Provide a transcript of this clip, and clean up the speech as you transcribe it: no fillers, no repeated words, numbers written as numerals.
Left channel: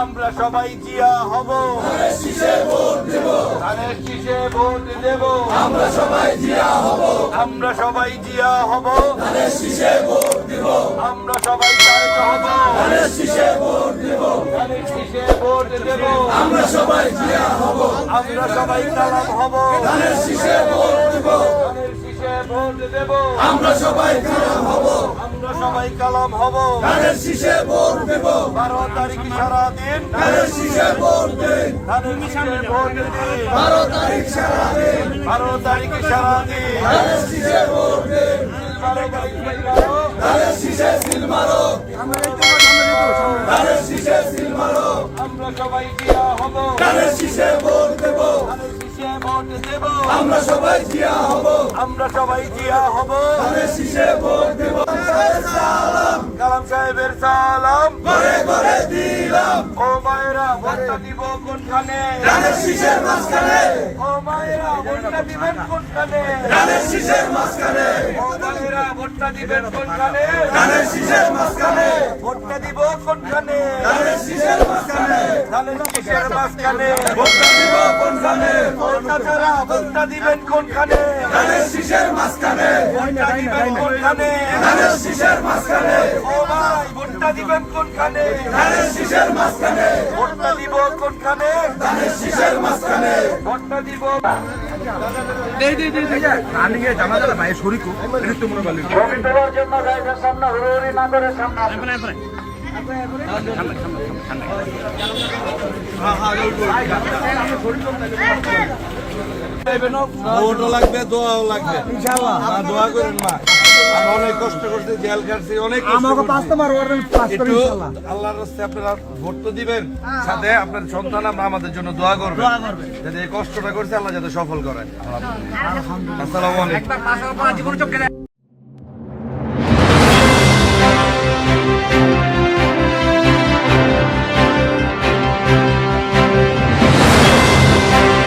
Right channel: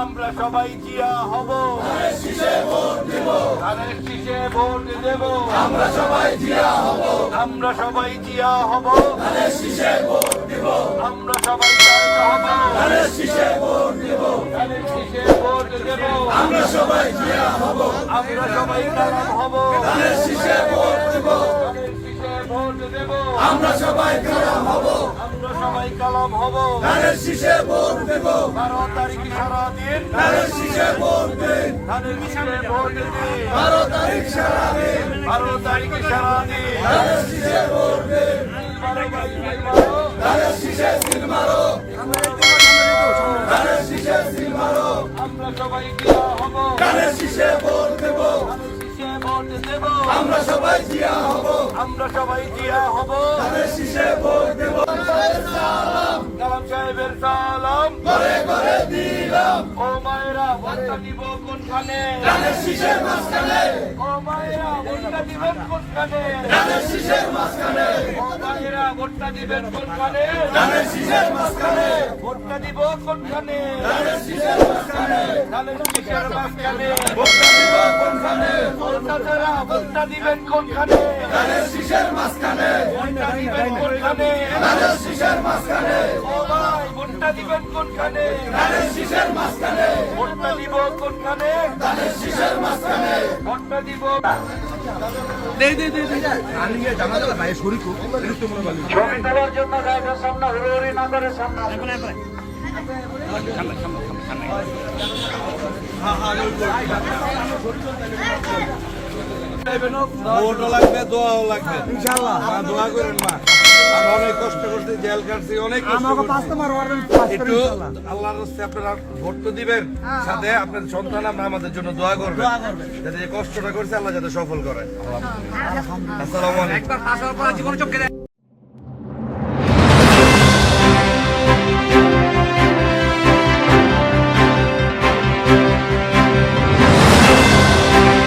আমরা সবাই জিয়া হব, ধানের শীষে ভোট দেব। আমরা সবাই জিয়া হব, আমরা সবাই জিয়া হব, ধানের শীষে ভোট দেব। আমরা সবাই তারেক হব, ধানের শীষে ভোট দেব, ধানের শীষে ভোট দেব। আমরা সবাই জিয়া হব, আমরা সবাই কালাম হব, ধানের শীষে ভোট দেব, ধানের শীষে ভোট দেব। আমরা সবাই কালাম হব, আমরা সবাই কালাম হব, ধানের শীষে ভোট দেব। 12 তারিখ সারাদিন ধানের শীষে ভোট দিন, ধানের শীষে ভোট দিন। 12 তারিখ সারাদিন, 12 তারিখে সারাদিন ধানের শীষে ভোট দিন। ধানের শীষে সিল মারো, ধানের শীষে সিল মারো। আমরা সবাই জিয়া হব, ধানের শীষে ভোট দেব, ধানের শীষে ভোট দেব। আমরা সবাই জিয়া হব, আমরা সবাই জিয়া হব, ধানের শীষে ভোট দেব। কালাম সাহেবের সালাম ঘরে ঘরে দিলাম। ও মায়েরা ভোটটা দিব কোনখানে, ধানের শীষের মাঝখানে। ও মায়েরা ভোটটা দিবেন কোনখানে, ধানের শীষের মাঝখানে। ও মায়েরা ভোটটা দিবেন কোনখানে, ধানের শীষের মাঝখানে। ভোটটা দিব কোনখানে, ধানের শীষের মাঝখানে, ধানের শীষের মাঝখানে। ভোটটা দিব কোনখানে, ভোটটা ছাড়া ভোটটা দিবেন কোনখানে, ধানের শীষের মাঝখানে। ভোটটা দিবেন কোনখানে, ধানের শীষের মাঝখানে। ও ভাই ভোটটা দিবেন কোনখানে, ধানের শীষের মাঝখানে। ভোটটা দিব কোনখানে, ধানের শীষের মাঝখানে। ভোটটা দিব। ছবি তোলার জন্য জায়গার সামনে হুড়োহুড়ি না করে সামনে ভোটও লাগবে, দোয়াও লাগবে। ইনশাআল্লাহ দোয়া করুন মা, আমরা অনেক কষ্ট করছি, জেল কাটছি, অনেক আল্লাহর রাস্তায় আপনারা ভোট তো দিবেন, সাথে আপনার সন্তান আমরা আমাদের জন্য দোয়া করবেন, যাতে কষ্টটা করছে আল্লাহ যাতে সফল করেন। আসসালামু আলাইকুম।